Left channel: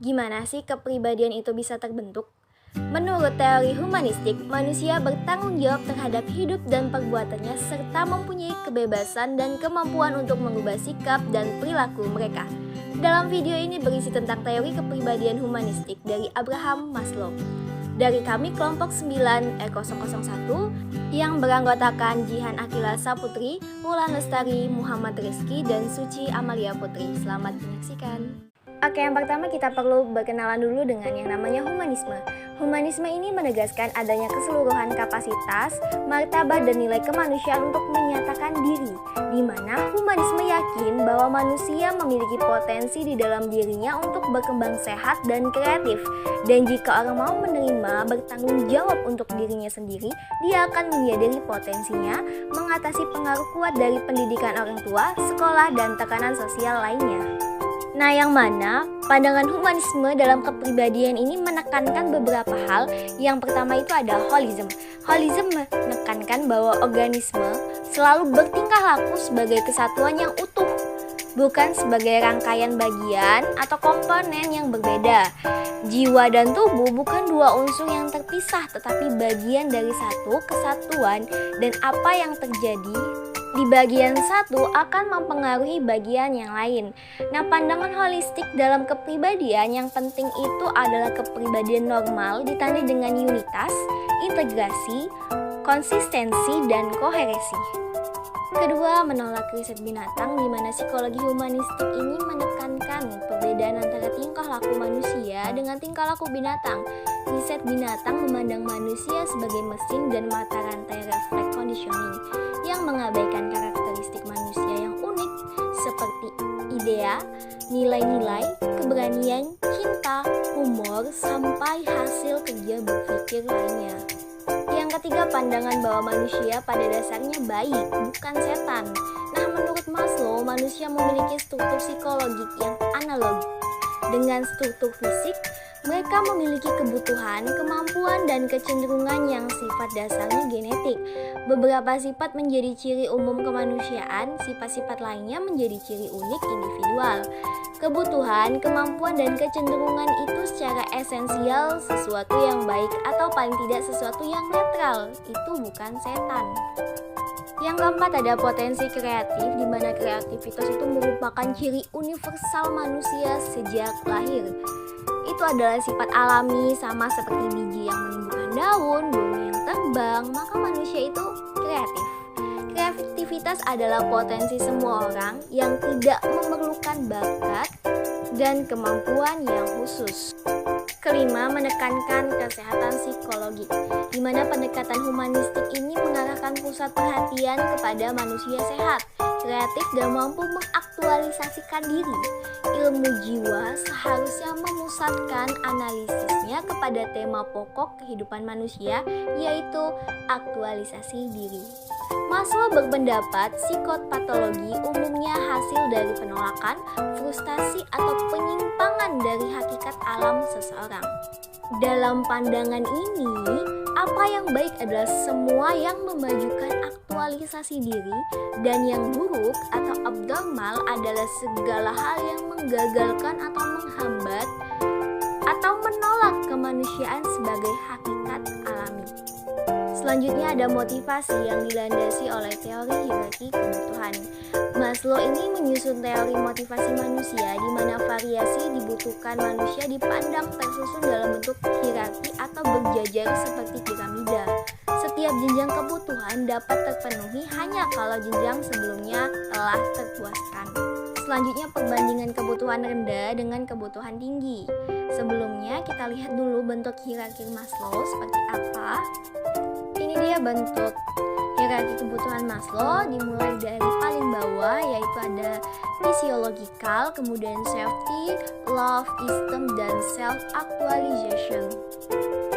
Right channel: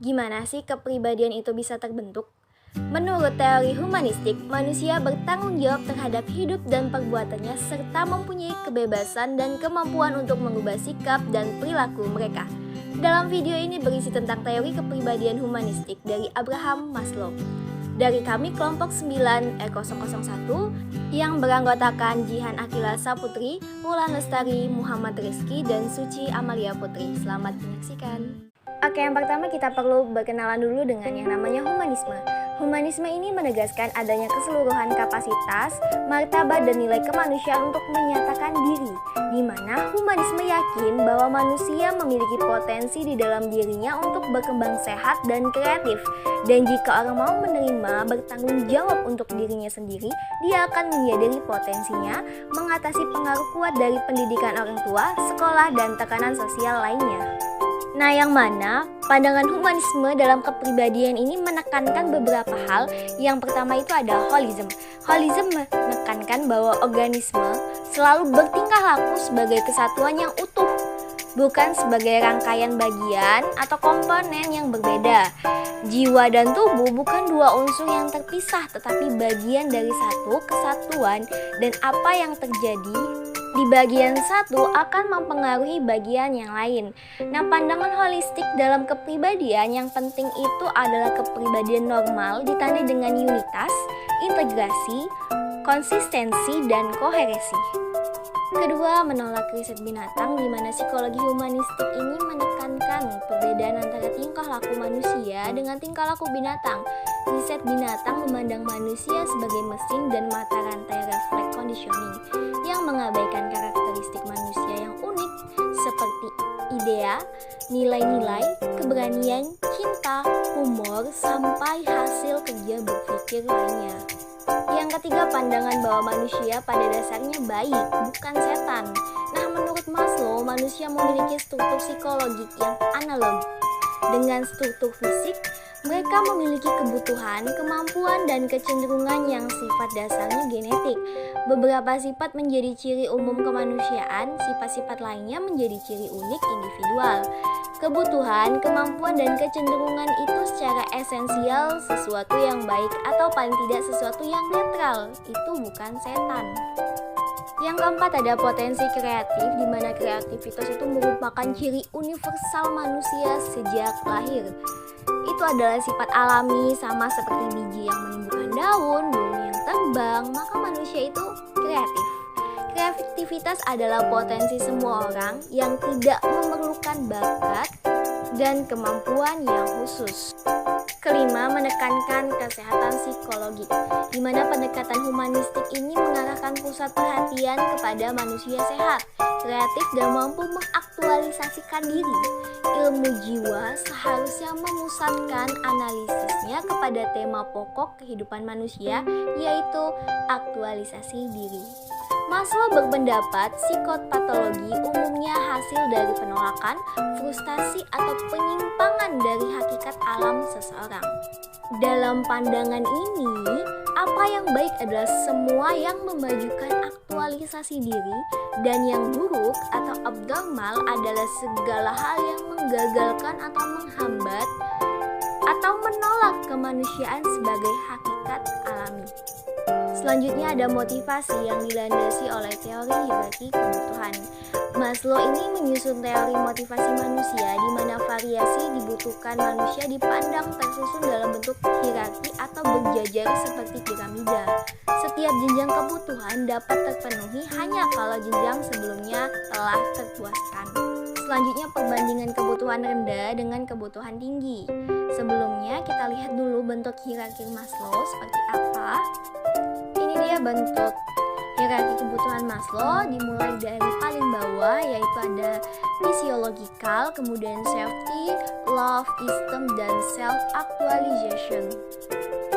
Gimana sih kepribadian itu bisa terbentuk? Menurut teori humanistik, manusia bertanggung jawab terhadap hidup dan perbuatannya serta mempunyai kebebasan dan kemampuan untuk mengubah sikap dan perilaku mereka. Dalam video ini berisi tentang teori kepribadian humanistik dari Abraham Maslow. Dari kami kelompok 9 E001 yang beranggotakan Jihan Akila Saputri, Wulan Lestari, Muhammad Rizky, dan Suci Amalia Putri. Selamat menyaksikan. Oke, yang pertama kita perlu berkenalan dulu dengan yang namanya humanisme. Humanisme ini menegaskan adanya keseluruhan kapasitas, martabat, dan nilai kemanusiaan untuk menyatakan diri, di mana humanisme yakin bahwa manusia memiliki potensi di dalam dirinya untuk berkembang sehat dan kreatif. Dan jika orang mau menerima bertanggung jawab untuk dirinya sendiri, dia akan menyadari potensinya, mengatasi pengaruh kuat dari pendidikan orang tua, sekolah, dan tekanan sosial lainnya. Nah, yang mana pandangan humanisme dalam kepribadian ini menekankan beberapa hal. Yang pertama itu ada holism. Holism menekankan bahwa organisme selalu bertingkah laku sebagai kesatuan yang utuh, bukan sebagai rangkaian bagian atau komponen yang berbeda. Jiwa dan tubuh bukan dua unsur yang terpisah, tetapi bagian dari satu kesatuan, dan apa yang terjadi di bagian satu akan mempengaruhi bagian yang lain. Nah, pandangan holistik dalam kepribadian yang penting itu adalah kepribadian normal ditandai dengan unitas, integrasi, konsistensi, dan koheresi. Kedua, menolak riset binatang, di mana psikologi humanistik ini menekankan perbedaan antara tingkah laku manusia dengan tingkah laku binatang. Riset binatang memandang manusia sebagai mesin dan mata rantai refleks conditioning yang mengabaikan karakteristik manusia yang unik seperti idea, nilai-nilai, keberanian, cinta, humor, sampai hasil kerja berpikir lainnya. Yang ketiga, pandangan bahwa manusia pada dasarnya baik, bukan setan. Nah, menurut Maslow, manusia memiliki struktur psikologik yang analog dengan struktur fisik. Mereka memiliki kebutuhan, kemampuan, dan kecenderungan yang sifat dasarnya genetik. Beberapa sifat menjadi ciri umum kemanusiaan, sifat-sifat lainnya menjadi ciri unik individual. Kebutuhan, kemampuan, dan kecenderungan itu secara esensial sesuatu yang baik atau paling tidak sesuatu yang netral. Itu bukan setan. Yang keempat ada potensi kreatif, di mana kreativitas itu merupakan ciri universal manusia sejak lahir. Itu adalah sifat alami, sama seperti biji yang menumbuhkan daun, burung yang terbang, maka manusia itu kreatif. Kreativitas adalah potensi semua orang yang tidak memerlukan bakat dan kemampuan yang khusus. Kelima, menekankan kesehatan psikologi, di mana pendekatan humanistik ini mengarahkan pusat perhatian kepada manusia sehat, kreatif, dan mampu mengaktualisasikan diri. Ilmu jiwa seharusnya memusatkan analisisnya kepada tema pokok kehidupan manusia, yaitu aktualisasi diri. Maslow berpendapat psikopatologi umumnya hasil dari penolakan, frustasi, atau penyimpangan dari hakikat alam seseorang. Dalam pandangan ini, apa yang baik adalah semua yang memajukan aktualisasi diri, dan yang buruk atau abnormal adalah segala hal yang menggagalkan atau menghambat atau menolak kemanusiaan sebagai hakikat alami. Selanjutnya ada motivasi yang dilandasi oleh teori hierarki kebutuhan. Maslow ini menyusun teori motivasi manusia, di mana variasi dibutuhkan manusia dipandang tersusun dalam bentuk hierarki atau berjajar seperti piramida. Setiap jenjang kebutuhan dapat terpenuhi hanya kalau jenjang sebelumnya telah terpuaskan. Selanjutnya perbandingan kebutuhan rendah dengan kebutuhan tinggi. Sebelumnya kita lihat dulu bentuk hierarki Maslow seperti apa. Ini dia bentuk hierarki kebutuhan Maslow, dimulai dari paling bawah yaitu ada physiological, kemudian safety, love, esteem, dan self-actualization.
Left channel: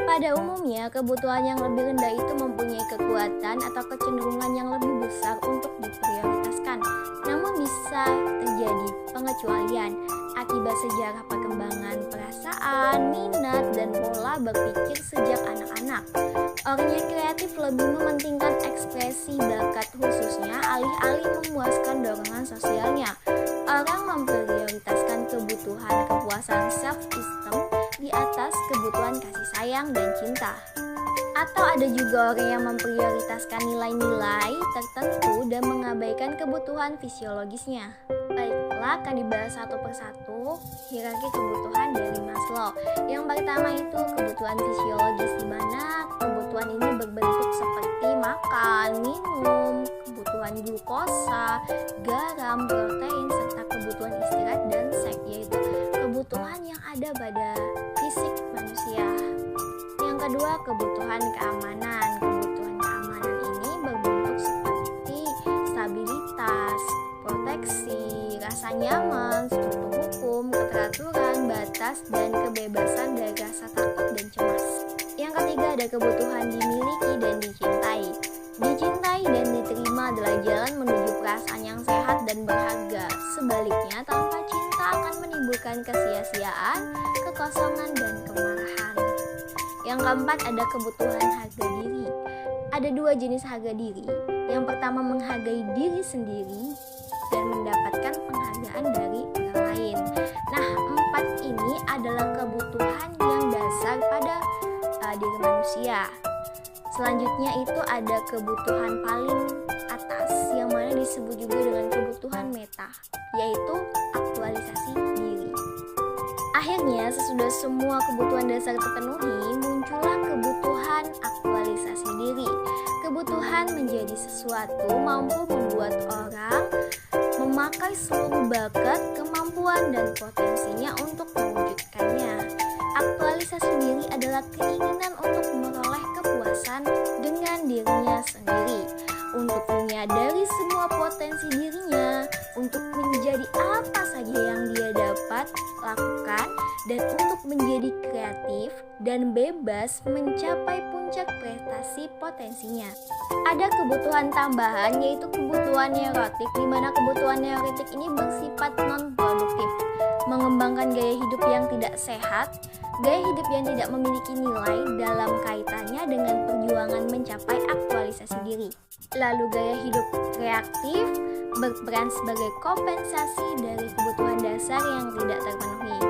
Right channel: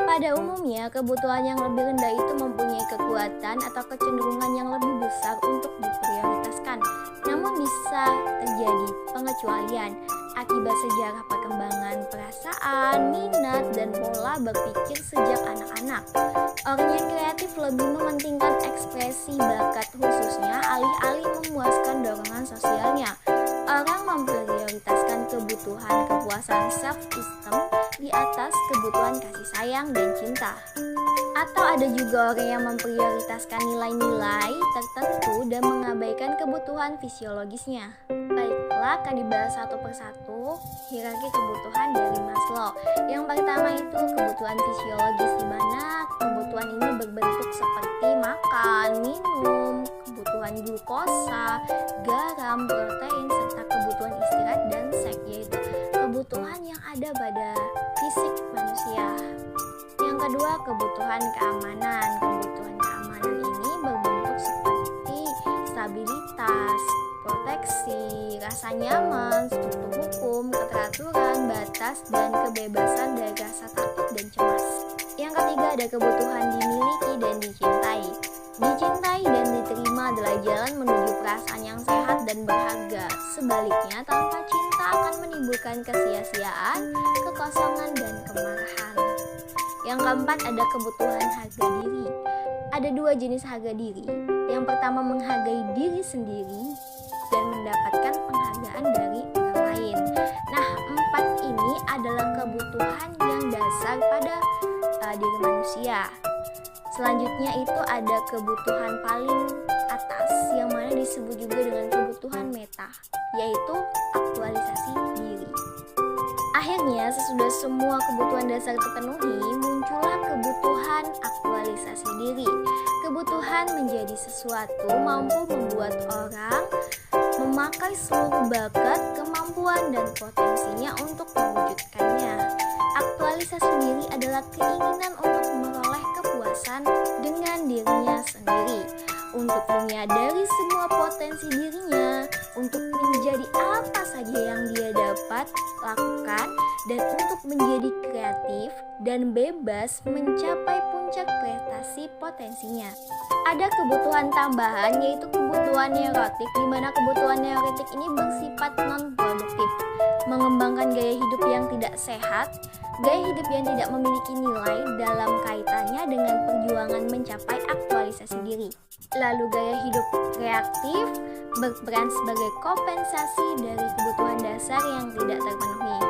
Pada umumnya, kebutuhan yang lebih rendah itu mempunyai kekuatan atau kecenderungan yang lebih besar untuk diprioritaskan. Namun bisa terjadi pengecualian akibat sejarah perkembangan perasaan, minat, dan pola berpikir sejak anak-anak. Orang yang kreatif lebih mementingkan ekspresi bakat khususnya alih-alih memuaskan dorongan sosialnya. Orang memprioritaskan kebutuhan kepuasan self-esteem di atas kebutuhan kasih sayang dan cinta. Atau ada juga orang yang memprioritaskan nilai-nilai tertentu dan mengabaikan kebutuhan fisiologisnya. Baiklah, akan dibahas satu persatu hierarki kebutuhan dari Maslow. Yang pertama itu kebutuhan fisiologis, di mana kebutuhan ini berbentuk seperti makan, minum, kebutuhan glukosa, garam, protein, serta kebutuhan istirahat dan seks, yaitu kebutuhan yang ada pada fisik manusia. Yang kedua, kebutuhan keamanan. Kebutuhan keamanan ini berbentuk seperti stabilitas, proteksi, rasa nyaman, struktur hukum, keteraturan, batas, dan kebebasan dari rasa takut dan cemas. Yang ketiga, ada kebutuhan dimiliki dan dicintai. Dicintai dan diterima adalah jalan menuju perasaan yang sehat dan berharga. Sebaliknya, tanpa cinta akan menimbulkan kesia-siaan, kekosongan, dan kemarahan. Yang keempat, ada kebutuhan harga diri. Ada dua jenis harga diri. Yang pertama, menghargai diri sendiri dan mendapatkan penghargaan dari orang lain. Nah, empat ini adalah kebutuhan yang dasar pada diri manusia. Selanjutnya itu ada kebutuhan paling atas yang mana disebut juga dengan kebutuhan meta, yaitu aktualisasi diri. Akhirnya, sesudah semua kebutuhan dasar terpenuhi, muncullah kebutuhan aktualisasi diri. Kebutuhan menjadi sesuatu mampu membuat orang memakai seluruh bakat, kemampuan, dan potensinya untuk mewujudkannya. Aktualisasi diri adalah keinginan untuk meroleh kepuasan dengan dirinya sendiri, untuk menyadari semua potensi dirinya, untuk menjadi apa saja yang dia dapat lakukan, dan untuk menjadi kreatif dan bebas mencapai puncak prestasi potensinya. Ada kebutuhan tambahan, yaitu kebutuhan neurotik, di mana kebutuhan neurotik ini bersifat non-produktif, mengembangkan gaya hidup yang tidak sehat, gaya hidup yang tidak memiliki nilai dalam kaitannya dengan perjuangan mencapai aktualisasi diri. Lalu gaya hidup reaktif berperan sebagai kompensasi dari kebutuhan dasar yang tidak terpenuhi.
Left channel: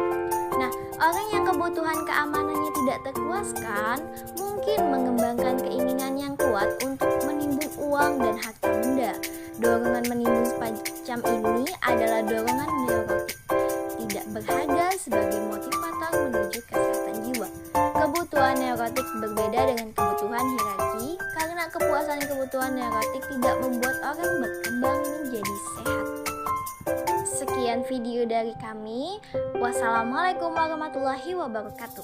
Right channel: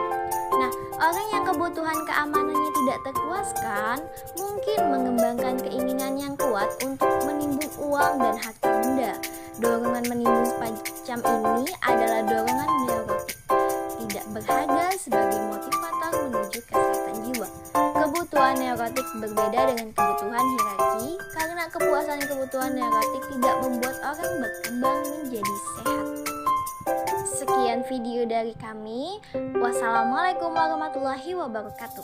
Nah, orang yang kebutuhan keamanannya tidak terpuaskan mungkin mengembangkan keinginan yang kuat untuk menimbun uang dan harta benda. Dorongan menimbun semacam ini adalah dorongan neurotik, tidak berharga sebagai motivator menuju kesehatan jiwa. Kebutuhan neurotik berbeda dengan kebutuhan hierarki karena kepuasan kebutuhan neurotik tidak membuat orang berkembang menjadi sehat. Sekian video dari kami. Wassalamualaikum warahmatullahi wabarakatuh.